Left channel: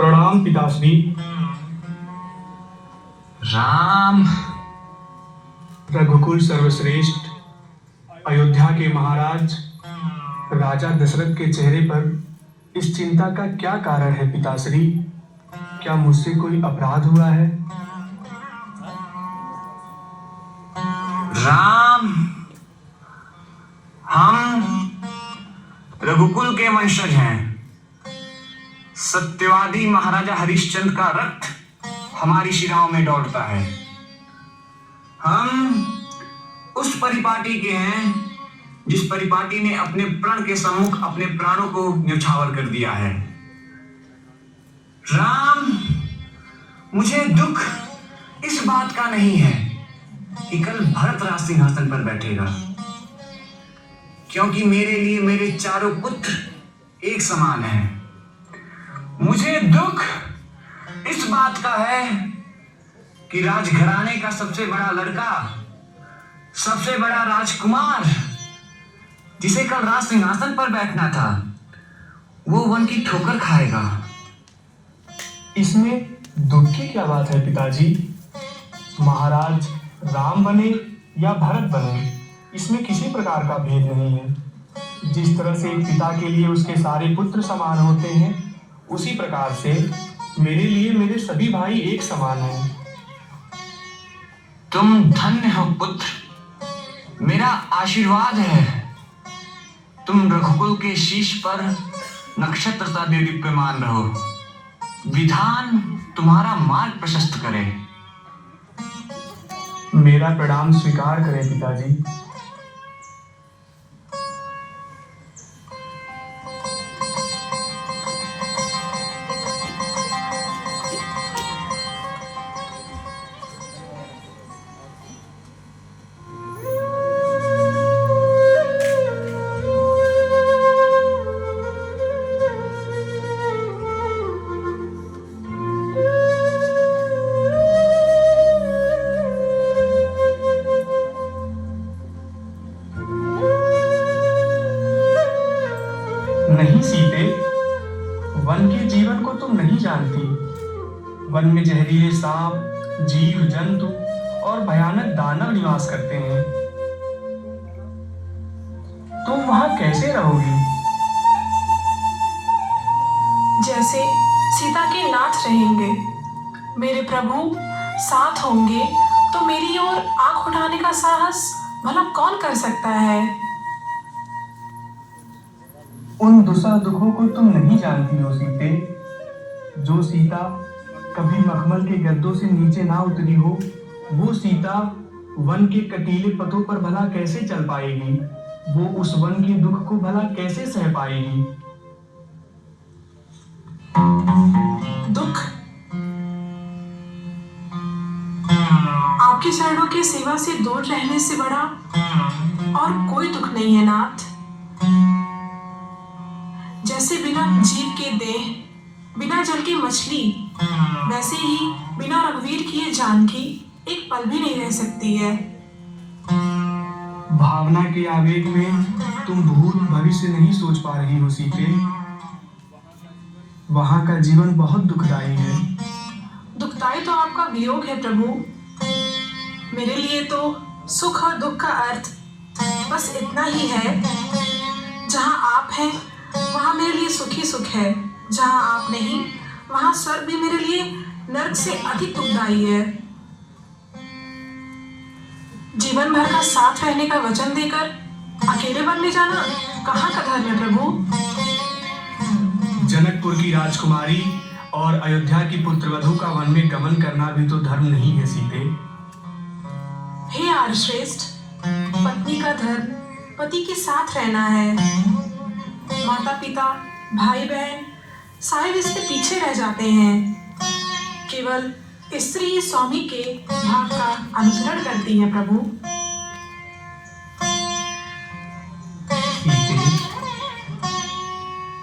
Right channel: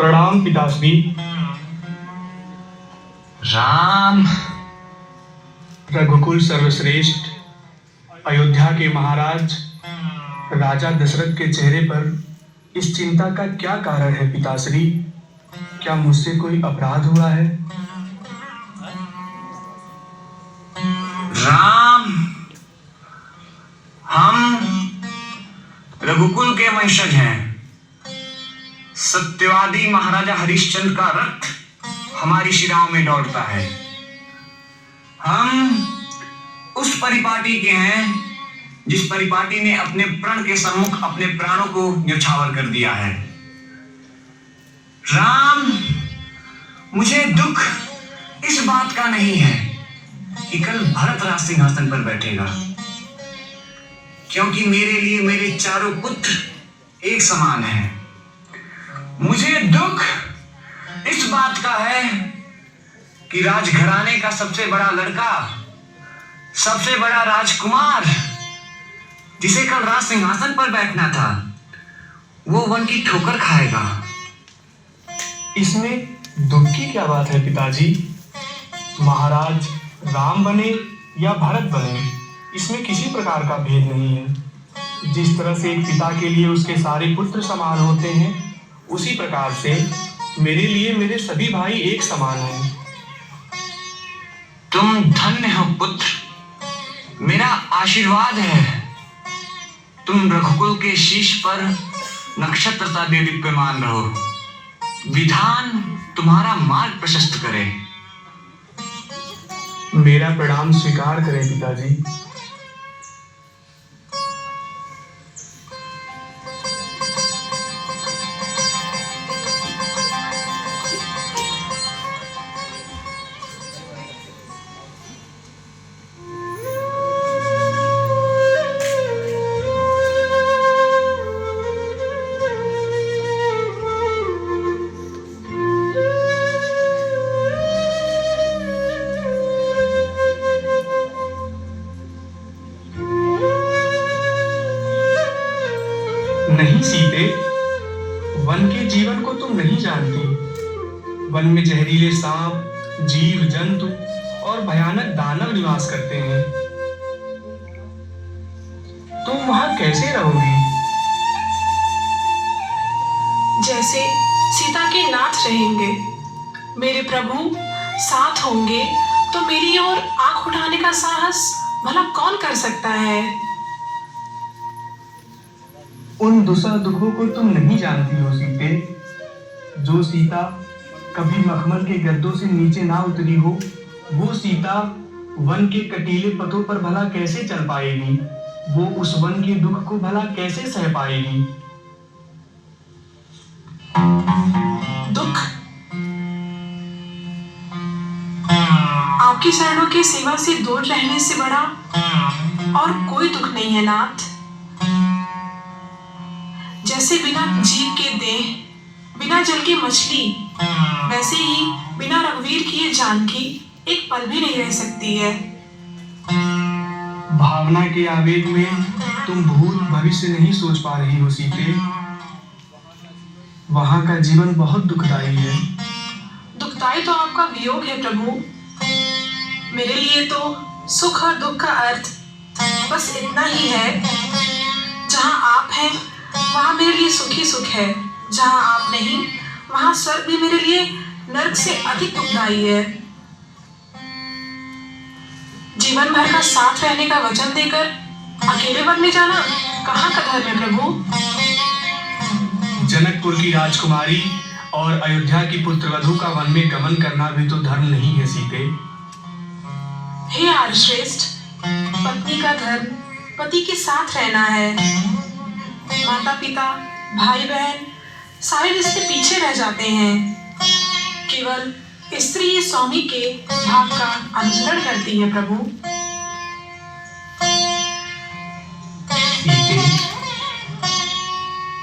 प्रणाम पिताश्री। राम। रघुकुल सर्वश्रेष्ठ अयोध्या के महाराज राजा दशरथ के चेहरे पर इस चिंता का क्या कारण है पिताश्री? क्या मुझसे कोई अपराध हुआ है? राम, हम रघुकुल के वंशज हैं। सत्यवादी महाराजा हरिश्चंद्र का रक्त हमारी शिराओं में दौड़ता है। हम उस परिपाटी के हैं जिस परिपाटी ने अपने प्रण के सम्मुख अपने प्राणों को न्यौछावर कर दिया है। राम, मुझे दुख इस बात का नहीं है कि कल भरत राज सिंहासन पर बैठेगा, क्योंकि मेरे लिए मेरे चारों पुत्र एक समान हैं। मुझे दुख इस बात का है कि राजघराने का सबसे बड़ा लड़का, सबसे बड़ा राजकुमार, जिसे कल राज सिंहासन पर बैठना था, वो वन की ठोकर खाएगा। इसमें दुख की क्या बात है पिताजी? महाराज राम बने या भरत बने, इसमें किसी प्रकार का भेद नहीं है। जिस तरह से एक पिता के लिए उसके सारे पुत्र समान होते हैं, उसी प्रकार से मेरे लिए मेरे सभी भाई एक समान हैं। तुम धन्य हो पुत्र, मेरा आशीर्वाद है। तुम रघुकुल के शीश पर नक्षत्र सा दीप्यमान रहो। विधान तुम्हारा मार्ग प्रशस्त करे। मेरा प्रणाम स्वीकार करें पिताजी। नहीं सीते, वन के जीवन को तुम नहीं जानती। वन में जहरीले सांप, जीव जंतु और भयानक दानव निवास करते हैं। तुम वहां कैसे रहोगी? जैसे सीता के नाथ रहेंगे। मेरे प्रभु साथ होंगे तो मेरी ओर आंख उठाने का साहस भला कौन कर सकता है? उन दुसह दुखों को तुम नहीं जानती हो सीते। जो सीता कभी मखमल के गद्दों से नीचे ना उतरी हो, वो सीता वन के कटीले पथों पर भला कैसे चल पाएगी? वो उस वन के दुख को भला कैसे सह पाएगी? दुख? आपकी शरणों की सेवा से दूर रहने से बड़ा और कोई दुख नहीं है नाथ। जैसे बिना जीव के देह, बिना जल की मछली, वैसे ही बिना रघुवीर की ये जानकी एक पल भी नहीं रह सकती है। भावना के आवेग में तुम भूत भविष्य नहीं सोच पा रही हो सीते। वहां का जीवन बहुत दुखदाई है। दुखदाई तो आपका वियोग है प्रभु। मेरे लिए तो सुख और दुख का अर्थ बस इतना ही है। जहां आप हैं वहां मेरे लिए सुख ही सुख है। जहां आप नहीं, वहां स्वर्ग भी मेरे लिए नरक से अधिक दुखदाई है। जीवन भर का साथ रहने का वचन देकर अकेले वन में जाना कहाँ का धर्म है प्रभु? जनकपुर की राजकुमारी और अयोध्या की पुत्रवधू का वन में गमन करना भी तो धर्म नहीं है सीते। हे आर्यश्रेष्ठ, पत्नी का धर्म पति के साथ रहना है। माता पिता, भाई बहन सारे रिश्ते पीछे रह जाते हैं। केवल स्त्री स्वामी के भाव का अनुसरण करती है प्रभु। सीते,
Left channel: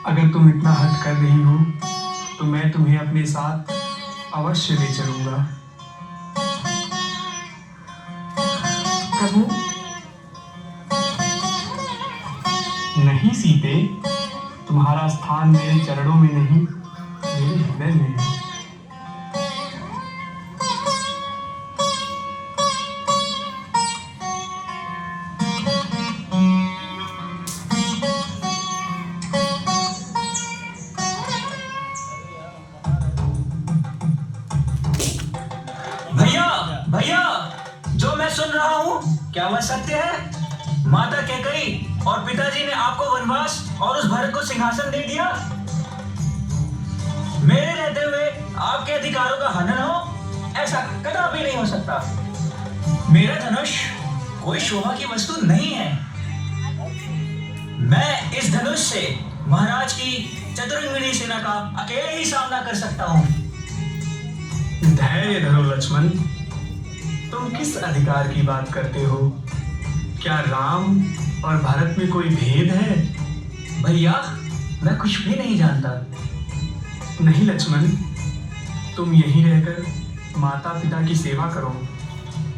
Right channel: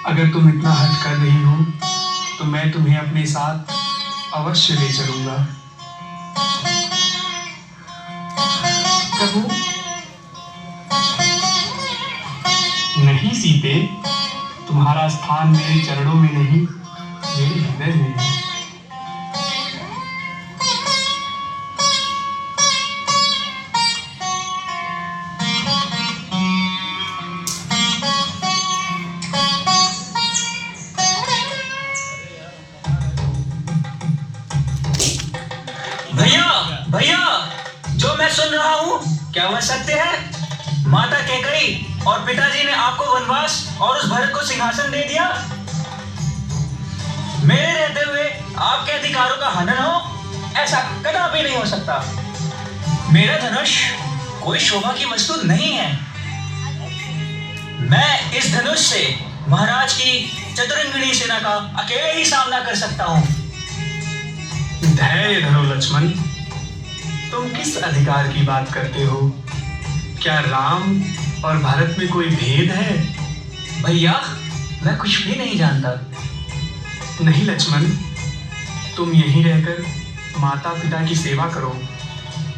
अगर तुम इतना हट कर रही हो तो मैं तुम्हें अपने साथ अवश्य ले चलूंगा। प्रभु नहीं सीते, तुम्हारा स्थान मेरे चरणों में नहीं, मेरे हृदय में है। क्या वह सत्य है? माता कैकई और पिताजी ने आपको वनवास और उस भरत को सिंहासन दे दिया? मेरे रहते हुए आपके अधिकारों का हनन हो, ऐसा कदापि नहीं हो सकता। मेरा धनुष कोई शोभा की वस्तु नहीं है। मैं इस धनुष से महाराज की चतुरंगिणी सेना का अकेले ही सामना कर सकता हूँ। धैर्य धरो लक्ष्मण, तुम किस अधिकार की बात करते हो? क्या राम और भरत में कोई भेद है? भैया, मैं कुछ भी नहीं जानता। नहीं लक्ष्मण, तुम यहीं रहकर माता पिता की सेवा करो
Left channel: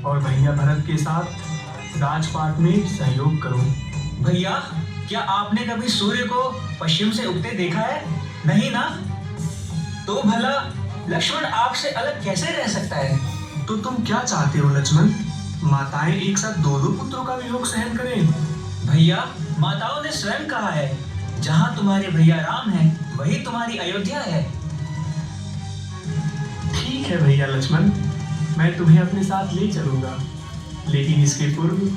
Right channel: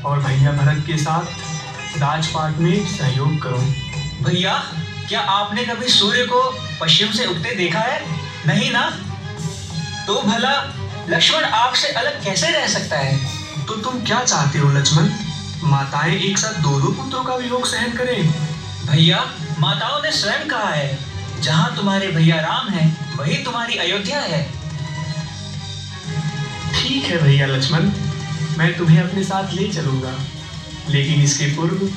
और भैया भरत के साथ राजपाट में सहयोग करो। भैया, क्या आपने कभी सूर्य को पश्चिम से उगते देखा है? नहीं ना? तो भला लक्ष्मण आग से अलग कैसे रह सकता है? तो तुम क्या चाहते हो लक्ष्मण? माताएं एक साथ दो दो पुत्रों का वियोग सहन करें? भैया, माताओं ने स्वयं कहा है, जहाँ तुम्हारे भैया राम है वही तुम्हारी अयोध्या है। ठीक है भैया लक्ष्मण, मैं तुम्हें अपने साथ ले चलूंगा, लेकिन इसके पूर्व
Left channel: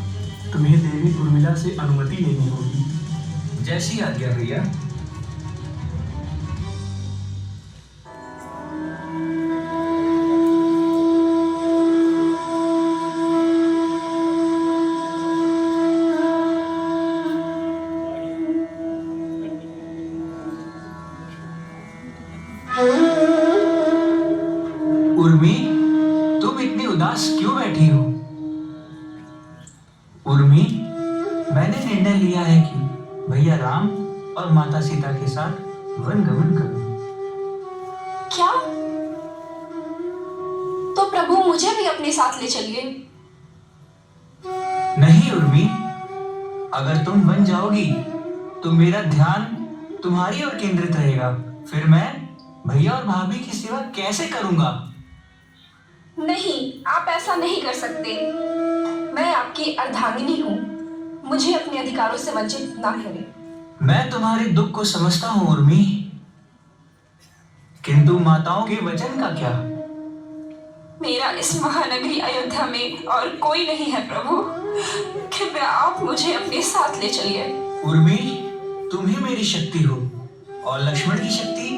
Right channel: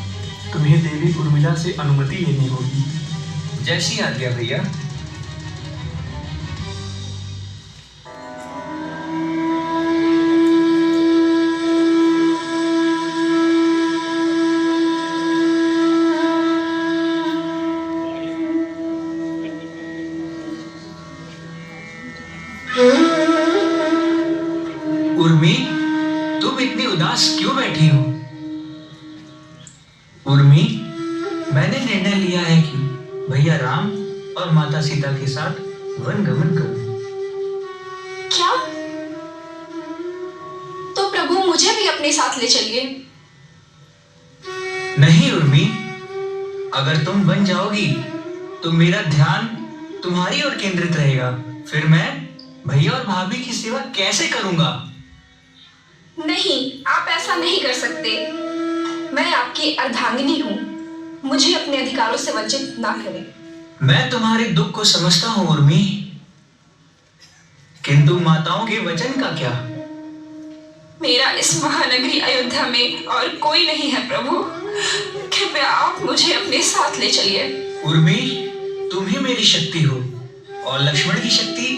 तुम्हें देवी उर्मिला से अनुमति लेनी होगी। जैसी आज्ञा भैया। उर्मी, तुम इतनी उदास क्यों बैठी हो? उर्मी, मैंने निर्णय लिया है कि भैया राम और माता सीता के साथ वन गमन करूं। क्या? तो प्रभु मुझे भी अपने साथ ले चलिए। नहीं उर्मी, अगर तुम बन जाओगी तो मेरा ध्यान तुम्हारी ओर केंद्रित रहेगा। फिर मैं भैया और भाभी की सेवा कैसे करूंगा? नहीं, आप ऐसा नहीं कर सकते। मैं आपकी अर्धांगिनी हूँ। मुझे अपने अधिकारों से वंचित ना करें। मैं तुम्हारे दुख को समझता हूँ उर्मी, किंतु माताओं के वचन का क्या? मेरा इस महानगरी अयोध्या में और कोई नहीं है प्रभु। कृपया आप मुझे अपने साथ ले चलिए। उर्मी, तुम ही मेरी शक्ति हो और लक्ष्मण की शक्ति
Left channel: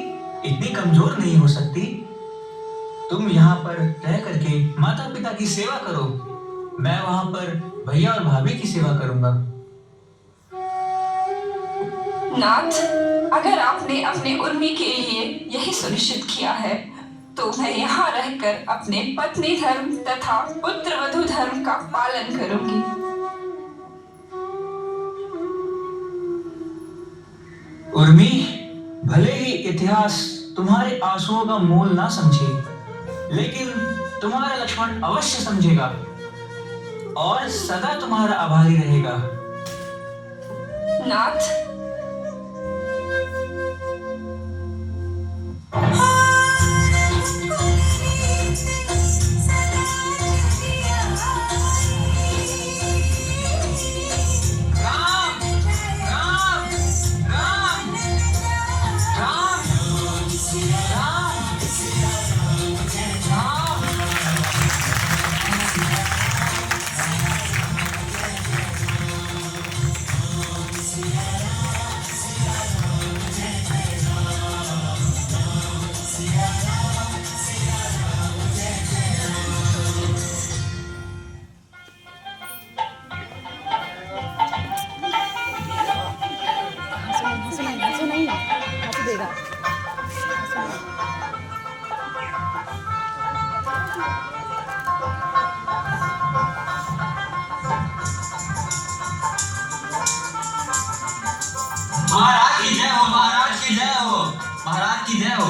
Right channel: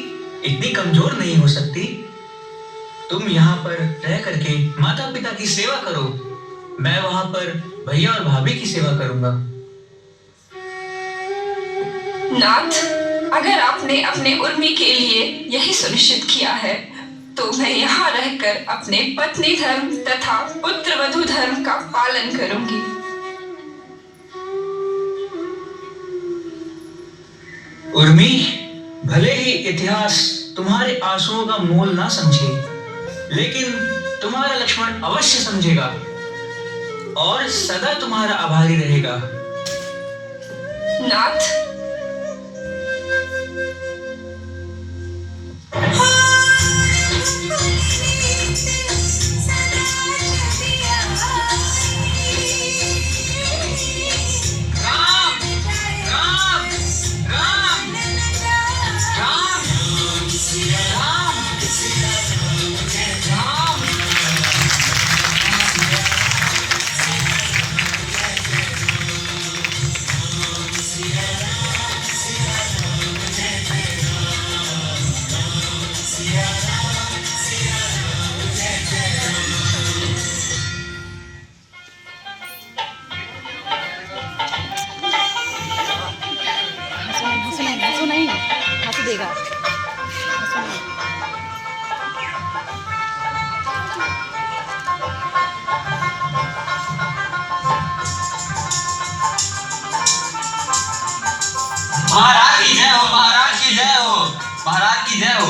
इतनी कमजोर नहीं हो सकती। तुम यहाँ पर रह करके माता पिता की सेवा करो, मैं वहां पर भैया और भाभी की सेवा करूंगा। नाथ, अगर आपने अपने उर्मी के लिए यही सुनिश्चित किया है, तो मैं यहाँ रहकर अपने पत्नी धर्म तथा पुत्र वधु धर्म का पालन करूंगी। उर्मी, भले ही इतिहास तुम्हारे आंसुओं का मोल ना समझे, लेकिन तुम्हारा लक्ष्मण अवश्य समझेगा और सदा तुम्हारा आभारी रहेगा। नाथ, महाराज की जय हो, महाराज की जय हो, महाराज की जय हो।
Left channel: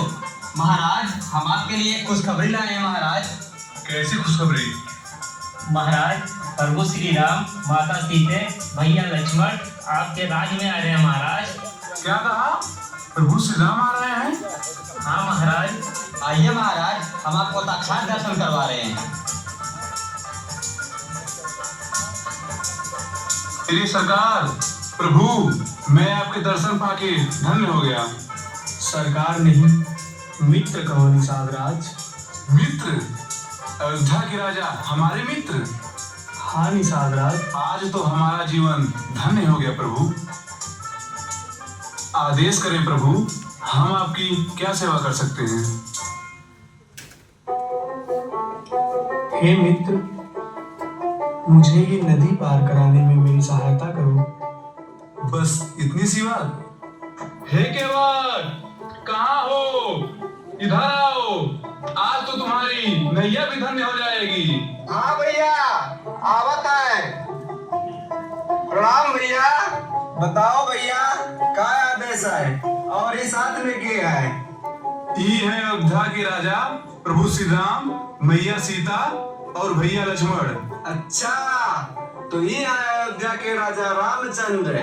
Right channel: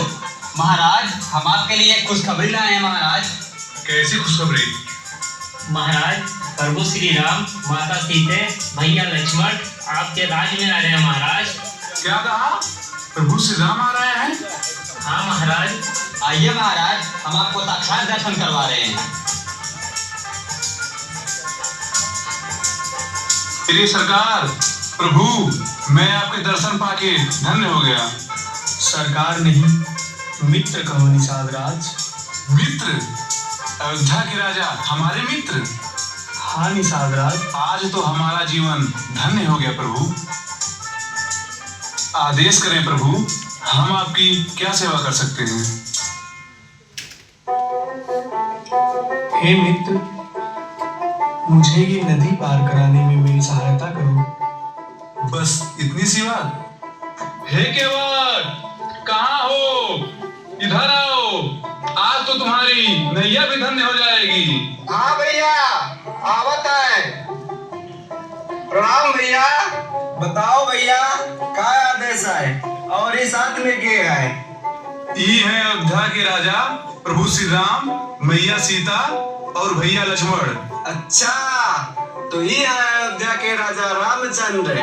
महाराज, हम आपके लिए एक खुशखबरी लाए हैं महाराज। कैसी खुशखबरी? महाराज, प्रभु श्री राम, माता सीते, भैया लक्ष्मण आपके राज में आ रहे हैं महाराज। क्या कहा? प्रभु श्री राम आ रहे हैं? हाँ महाराज। आइए महाराज, हम आपको साक्षात दर्शन करवा रहे हैं। मेरी सरकार, प्रभु, मैं आपके दर्शन पाके धन्य हो गया। सरकार नहीं, मित्र कहो निषाद राज। मित्र? अयोध्या के राजा हमारे मित्र? हाँ निषाद राज। आज तो हमारा जीवन धन्य हो गया प्रभु। आदेश करें प्रभु, हम आपकी क्या सेवा कर सकते हैं? हे मित्र, मुझे ये नदी पार कराने में मेरी सहायता करो। बस इतनी सी बात? हे केवट, कहाँ हो? इधर आओ, आज तो तुम्हारी नैया भी धन्य हो जाएगी। हाँ भैया, आवत है। प्रणाम भैया। बताओ भैया, क्या आदेश है और इस साथ में के है? ये है अयोध्या के राजा प्रभु श्री राम, मैया सीता और भैया लक्ष्मण। अच्छा, तो ये है अयोध्या के राजा रामचंद्र।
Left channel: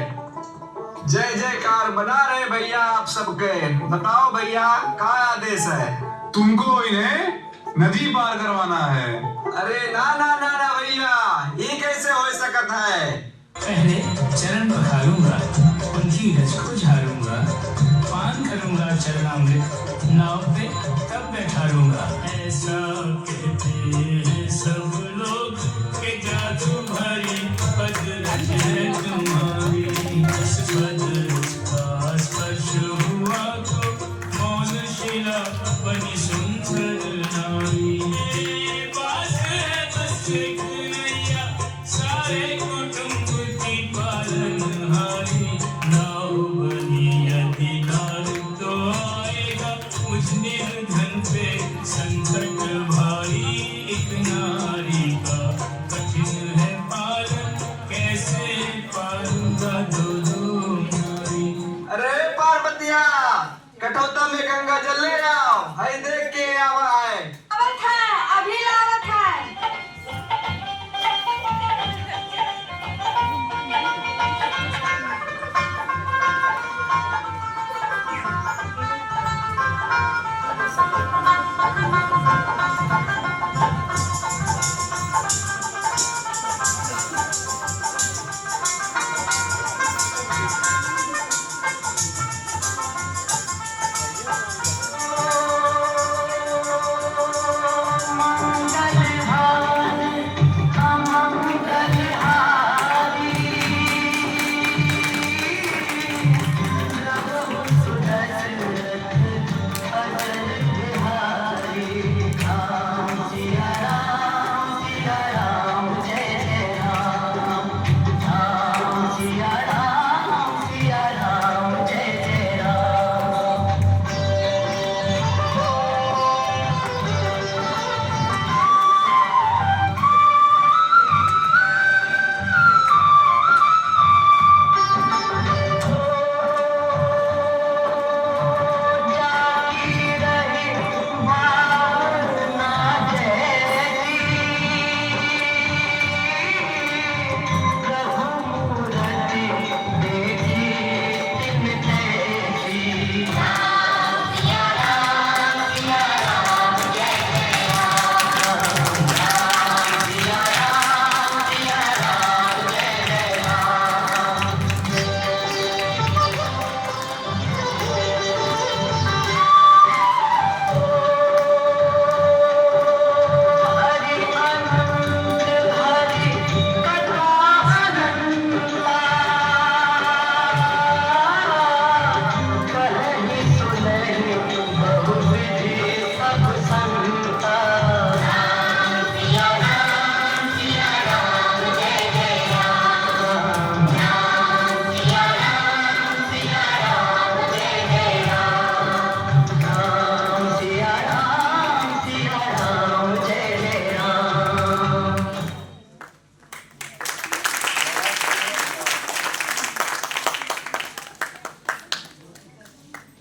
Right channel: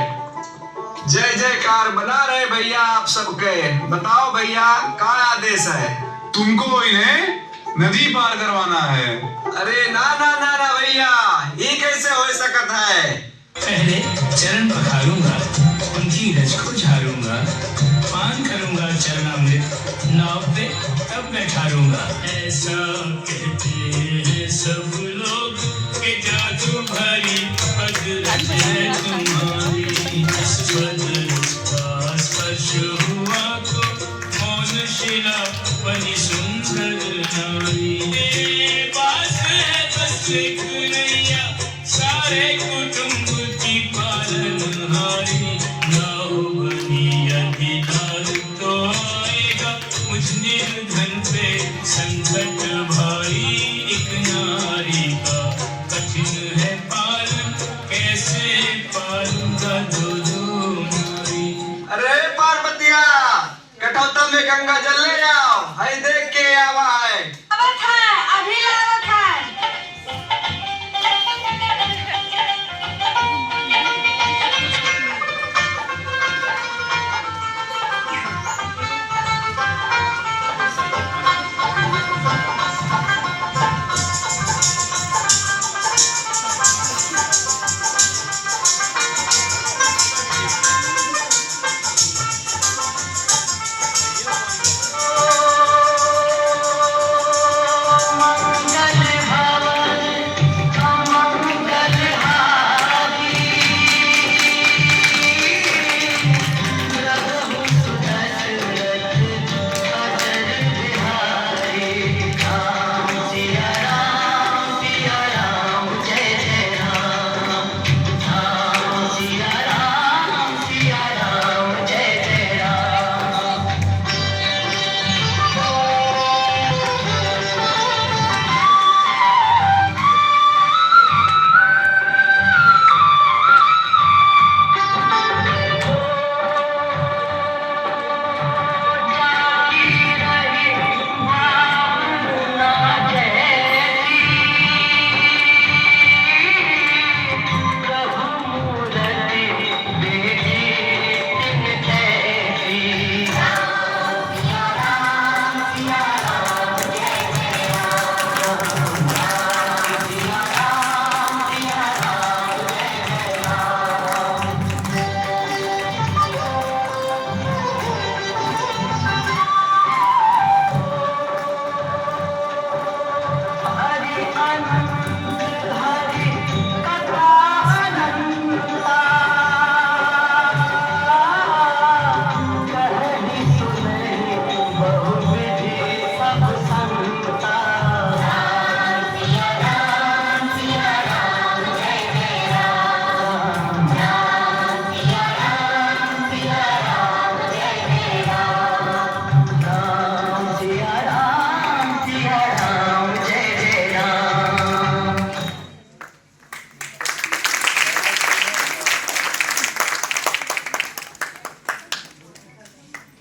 जय जयकार बना रहे भैया आप सबके। बताओ भैया, क्या आदेश है? तुमको इन्हें नदी पार करवाना है। अरे ना ना ना ना भैया, ये कैसे हो सकता है? पहले चरण पखारूंगा, उनकी रज को झाड़ूंगा, पान करूंगा चरणामृत, नाव पे तब बैठारूंगा। ऐसा कहते हैं सब लोग कि जादू भरी पद है तुम्हारी, स्पर्श हुआ तो मौन शिला बनी सुंदर नारी। पास है बस एक नैया, सारे कुटुंब की पालनहारी। नाव बनी अधिकार तो आएगा मुझ निर्धन पे संकट भारी। एक नारी का कठिन है पालन, कैसे पालूंगा दो नारी। अरे पार्वतिया, कटौता में गंगा जल ले आओ। हाय देख